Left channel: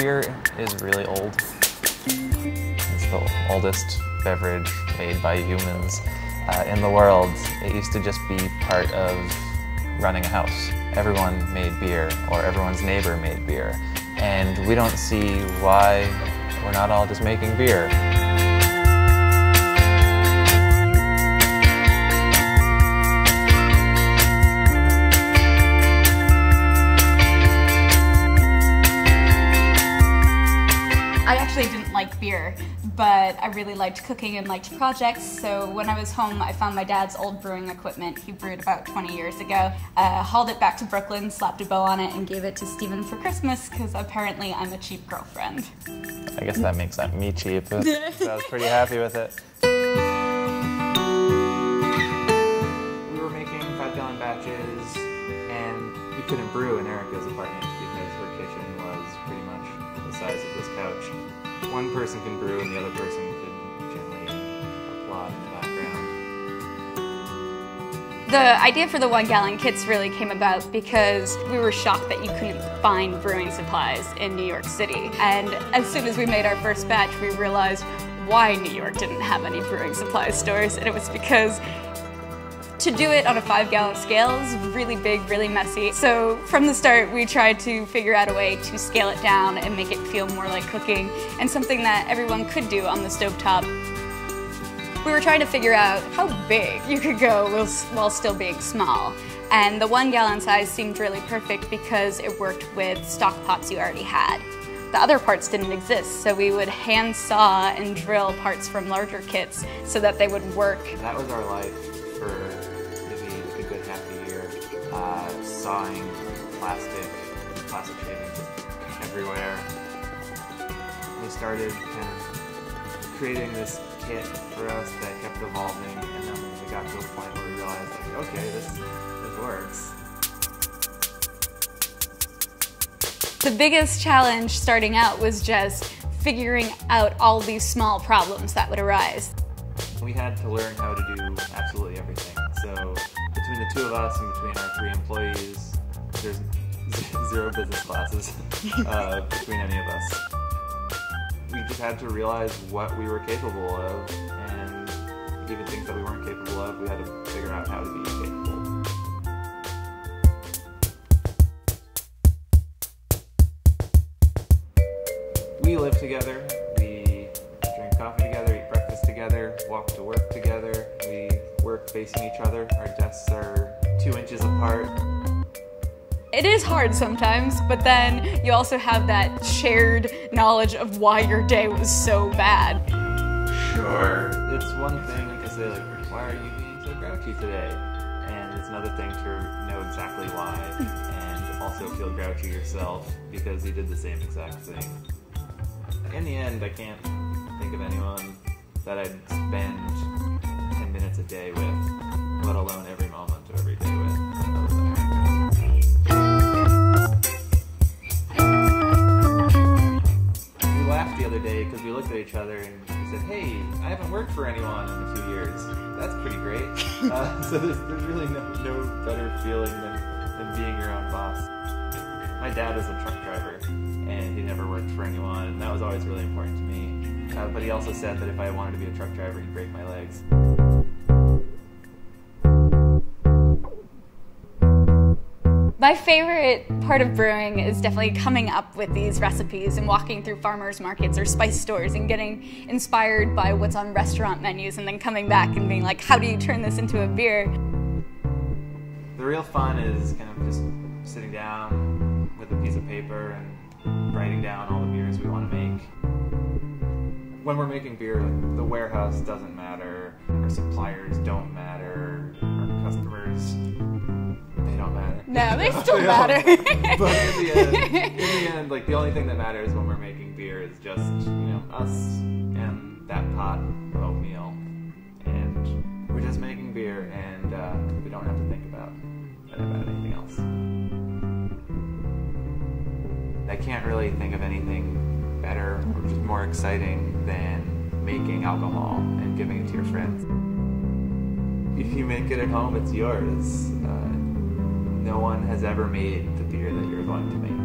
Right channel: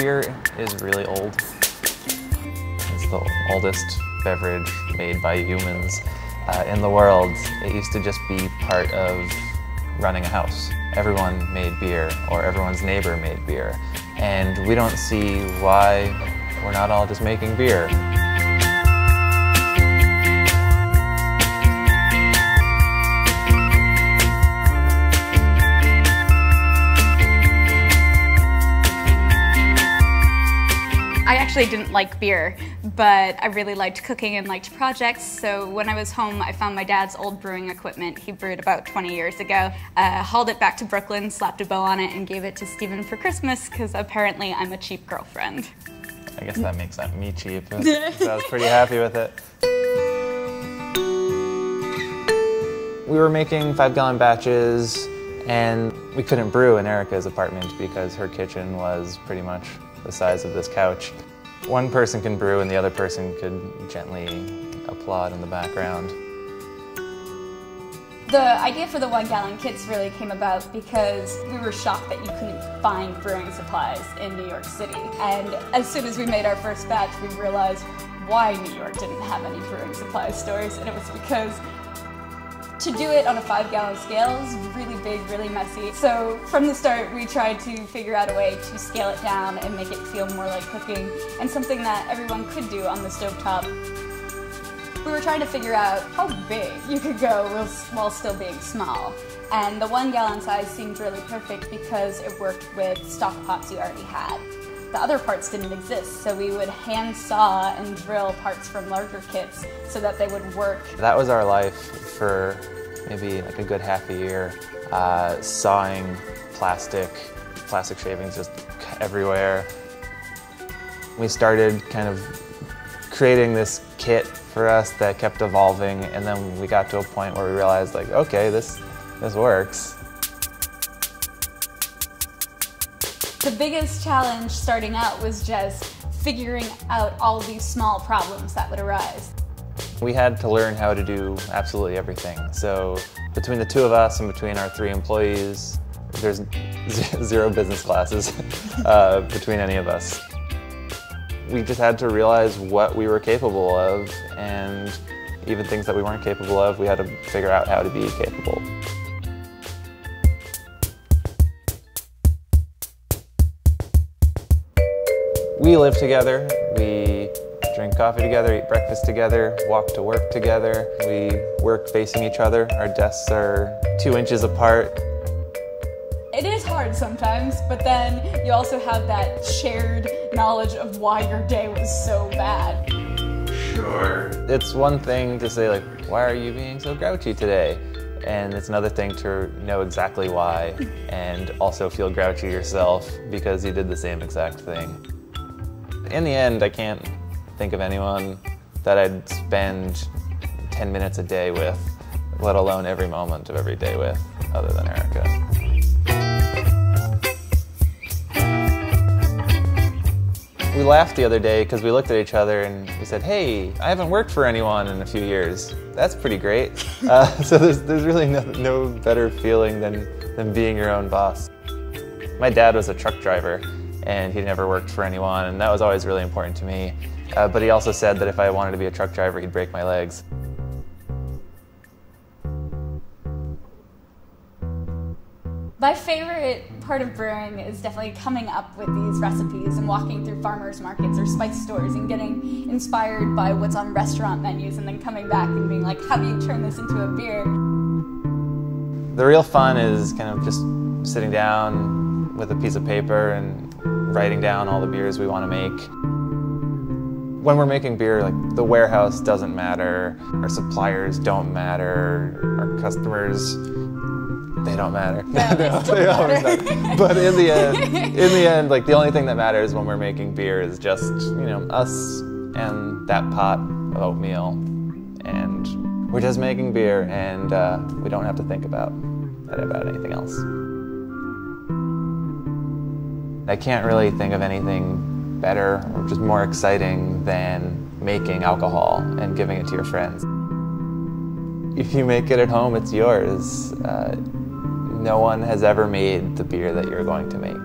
Beer is really old. It's the oldest beverage made by humans in the world. It used to just be part of running a house. Everyone made beer, or everyone's neighbor made beer. And we don't see why we're not all just making beer. I didn't like beer, but I really liked cooking and liked projects, so when I was home I found my dad's old brewing equipment. He brewed about 20 years ago, hauled it back to Brooklyn, slapped a bow on it, and gave it to Steven for Christmas because apparently I'm a cheap girlfriend. I guess that makes me cheap, so I was pretty happy with it. We were making 5-gallon batches, and we couldn't brew in Erica's apartment because her kitchen was pretty much the size of this couch. One person can brew and the other person could gently applaud in the background. The idea for the 1-gallon kits really came about because we were shocked that you couldn't find brewing supplies in New York City. And as soon as we made our first batch, we realized why New York didn't have any brewing supply stores, and it was because to do it on a 5-gallon scale is really big, really messy. So from the start, we tried to figure out a way to scale it down and make it feel more like cooking, and something that everyone could do on the stovetop. We were trying to figure out how big you could go while still being small. And the 1-gallon size seemed really perfect because it worked with stock pots you already had. The other parts didn't exist, so we would hand saw and drill parts from larger kits so that they would work. That was our life for maybe a good half a year, sawing plastic shavings just everywhere. We started kind of creating this kit for us that kept evolving, and then we got to a point where we realized, like, okay, this works. The biggest challenge starting out was just figuring out all these small problems that would arise. We had to learn how to do absolutely everything. So between the two of us and between our 3 employees, there's 0 business classes between any of us. We just had to realize what we were capable of, and even things that we weren't capable of, we had to figure out how to be capable. We live together. We drink coffee together, eat breakfast together, walk to work together. We work facing each other. Our desks are 2 inches apart. It is hard sometimes, but then you also have that shared knowledge of why your day was so bad. Sure. It's one thing to say, like, why are you being so grouchy today? And it's another thing to know exactly why and also feel grouchy yourself because you did the same exact thing. In the end, I can't think of anyone that I'd spend 10 minutes a day with, let alone every moment of every day with, other than Erica. We laughed the other day because we looked at each other and we said, hey, I haven't worked for anyone in a few years. That's pretty great. So there's really no better feeling than being your own boss. My dad was a truck driver, and he never worked for anyone, and that was always really important to me. But he also said that if I wanted to be a truck driver, he'd break my legs. My favorite part of brewing is definitely coming up with these recipes and walking through farmers markets or spice stores and getting inspired by what's on restaurant menus, and then coming back and being like, how do you turn this into a beer? The real fun is kind of just sitting down with a piece of paper and writing down all the beers we want to make. When we're making beer, like, the warehouse doesn't matter, our suppliers don't matter, our customers, they don't matter. Yeah, they still matter. But in the end, like, the only thing that matters when we're making beer is just, you know, us and that pot of oatmeal, and we're just making beer, and we don't have to think about anything else. I can't really think of anything better or just more exciting than making alcohol and giving it to your friends. If you make it at home, it's yours. No one has ever made the beer that you're going to make.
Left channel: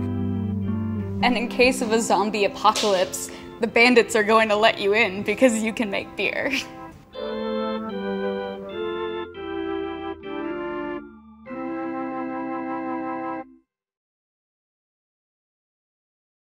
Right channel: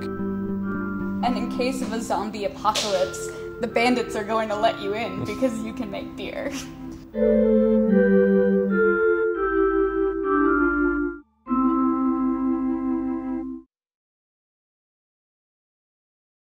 And in case of a zombie apocalypse, the bandits are going to let you in because you can make beer.